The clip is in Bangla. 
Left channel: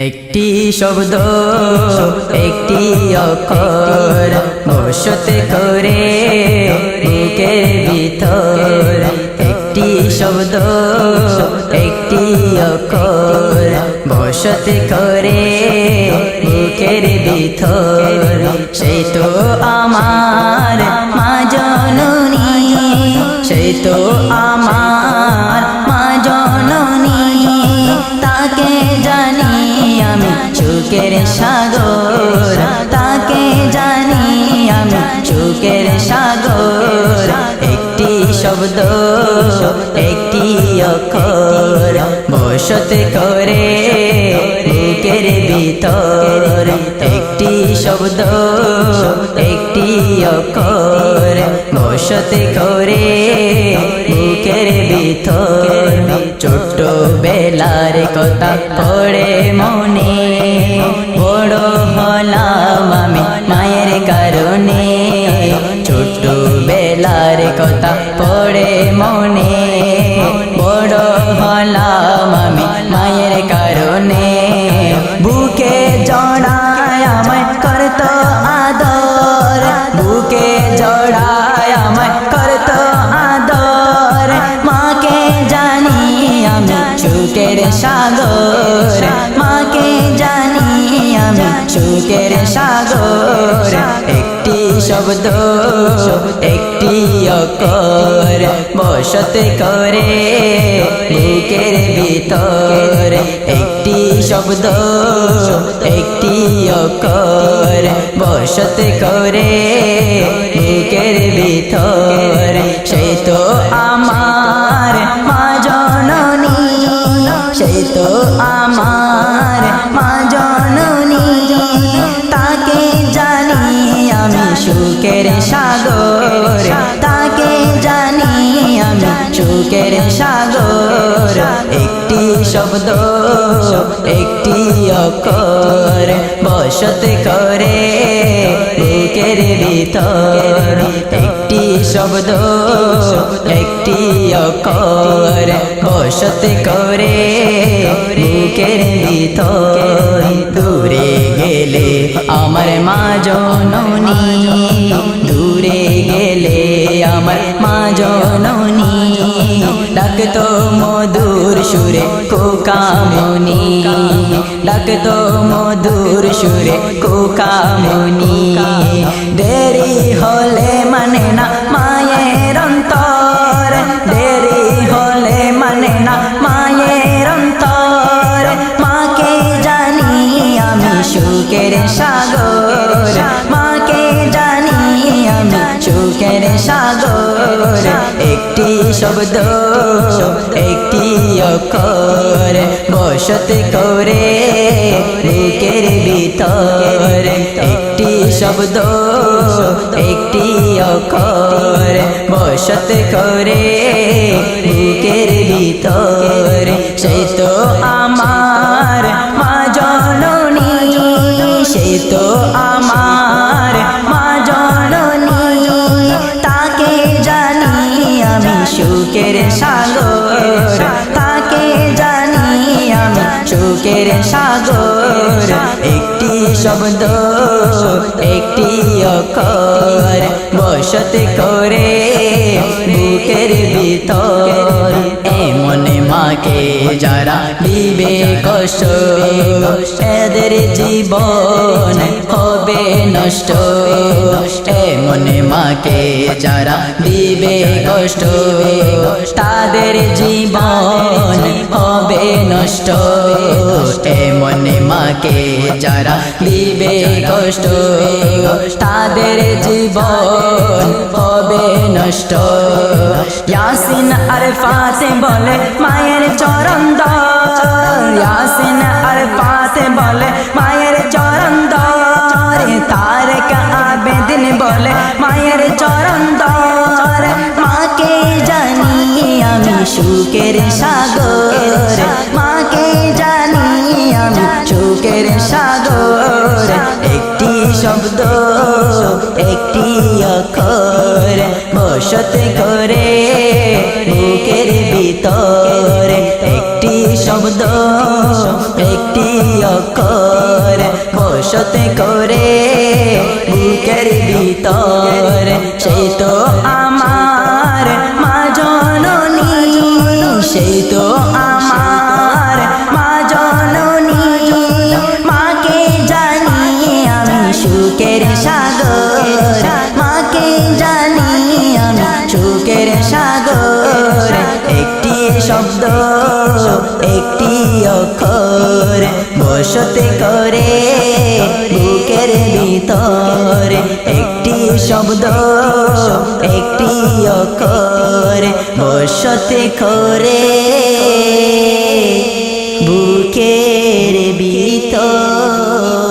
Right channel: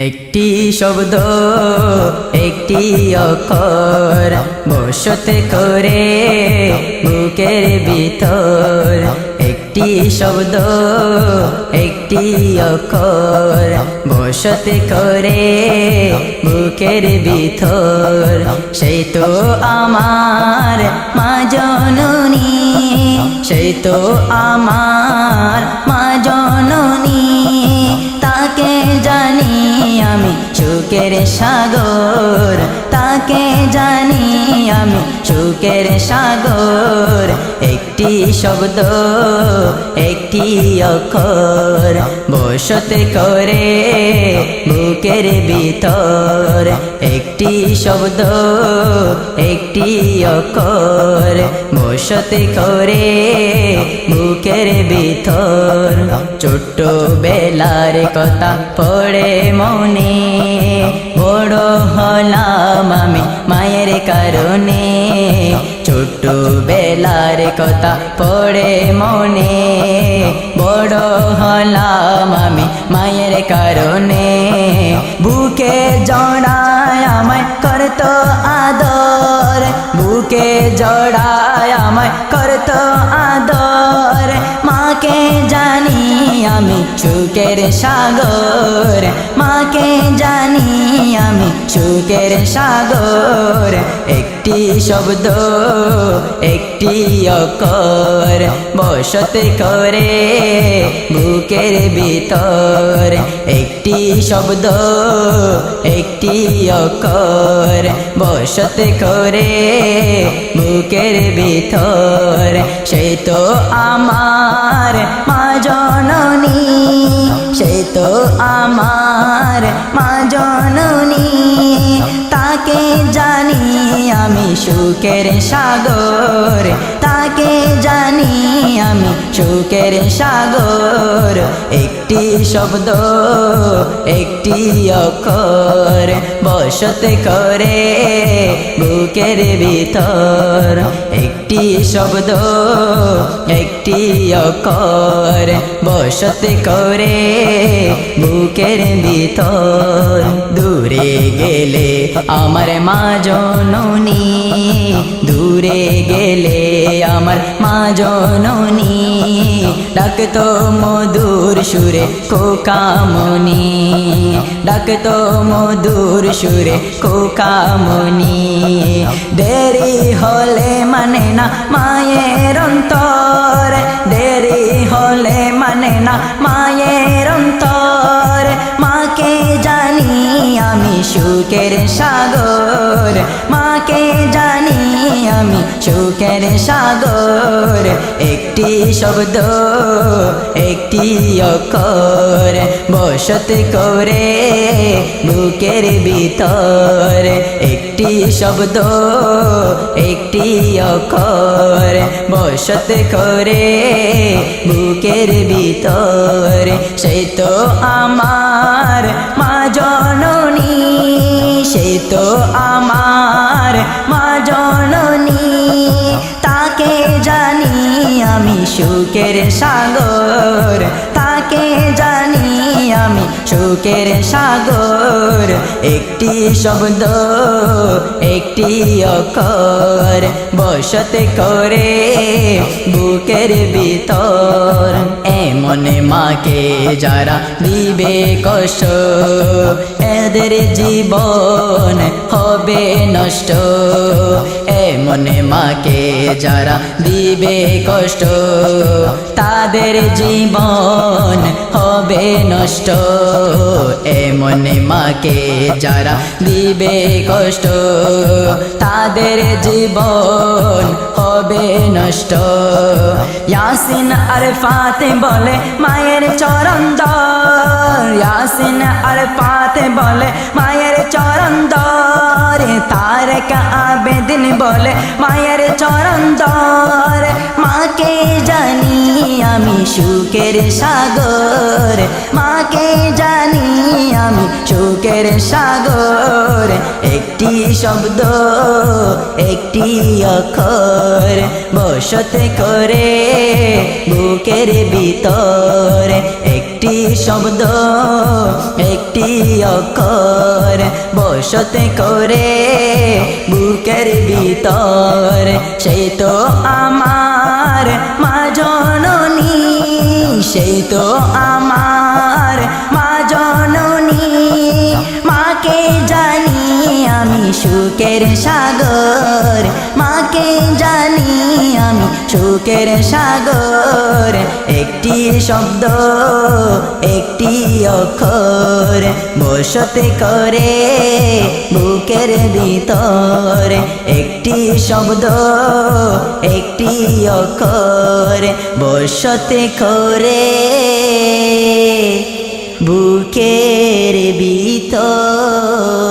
একটি শব্দ, একটি অক্ষর বসতে করে বুকের ভিতর। একটি শব্দ, একটি অক্ষর বসতে করে বুকের ভিতর। সেই তো আমার মা জননী, সেই তো আমার মা জননী। তাকে জানি আমি সুখের সাগর। তাকে জানি আমি সুখের সাগর। একটি শব্দ, একটি অক্ষর। বসতে করে বুকের ভিতর। একটি শব্দ, একটি অক্ষর। বসতে করে বুকের ভিতর। ছোট্ট বেলার কথা পড়ে মনে, বড় হলাম আমি মায়ের কারণে। ছোট্ট বেলার কথা পড়ে মনে। বড় হলাম আমি মায়ের কারণে। বুকে জড়ায় আমায় করতো আদর। বুকে জড়ায় আমায় করত আদর। মাকে জানি আমি সুখের সাগর। মাকে জানি আমি সুখের সাগর। একটি শব্দ, একটি অকর বসতে করে বুকের ভিতর। একটি শব্দ, একটি অকর বসতে করে বুকের ভিতর সে তো আমার মা জননী সে তো আমার মা জননী। তাকে জানি আমি সুখের সাগর। তাকে জানি আমি সুখের সাগর। একটি শব্দ, একটি অক্ষর বসত করে বুকের ভিতর। একটি শব্দ, একটি অক্ষর বসতে করে বুকের ভিতর। দূরে গেলে আমার মা জননী, দূরে গেলে আমার মা জননী। ডাকতো মধুর সুরে কোকামনি ডাকতো মধুর সুরে কোকামনি দেরি হলে মানে না মায়ের অন্তর। দেরি হলে মানে না মায়ের অন্তর। মাকে জানি আমি সুখের সাগর। মাকে জানি আমি সুখের সাগর। একটি শব্দ, একটি অক্ষর বসতে করে বুকের ভিতর। একটি শব্দ, একটি অক্ষর বসত করে বুকের ভিতর। সেই তো আমার মা জননী, সেই তো আমার মা জননী। তাকে জানি আমি সুখের সাগর। তাকে জানি আমি সুখের সাগর। একটি শব্দ, একটি অক্ষর বসত করে বুকের ভিতর। এমন মাকে যারা দিবে কষ্ট, এদের জীবন হবে নষ্ট। এমন মাকে যারা দিবে কষ্ট। তাদের জীবন হবে নষ্ট। এমন মাকে যারা দিবে কষ্ট, তাদের জীবন হবে নষ্ট। ইয়াসিন আর ফাতে বলে মায়ের চরণ ইয়াসিন আর ফাতে বলে মায়ের চরণ তারক আবেদিন বলে মায়ের চরণ দর। মাকে জানি আমি সুখের সাগর। মাকে জানি আমি আমি সুখের সাগর। একটি শব্দ একটি অক্ষর বসতে করে বুকের ভিতর। একটি শব্দ, একটি অক্ষর বসতে করে বুকের ভিতর। সেই তো আমার মা জননী, সেই তো আমার মা জননী। মাকে জানি আমি সুখের সাগর, মাকে জানি আমি সুখের সাগর, একটি শব্দ, একটি অক্ষর। বসতে করে বুকের ভিতর, একটি শব্দ, একটি অক্ষর। বসতে করে বুকের ভিতর।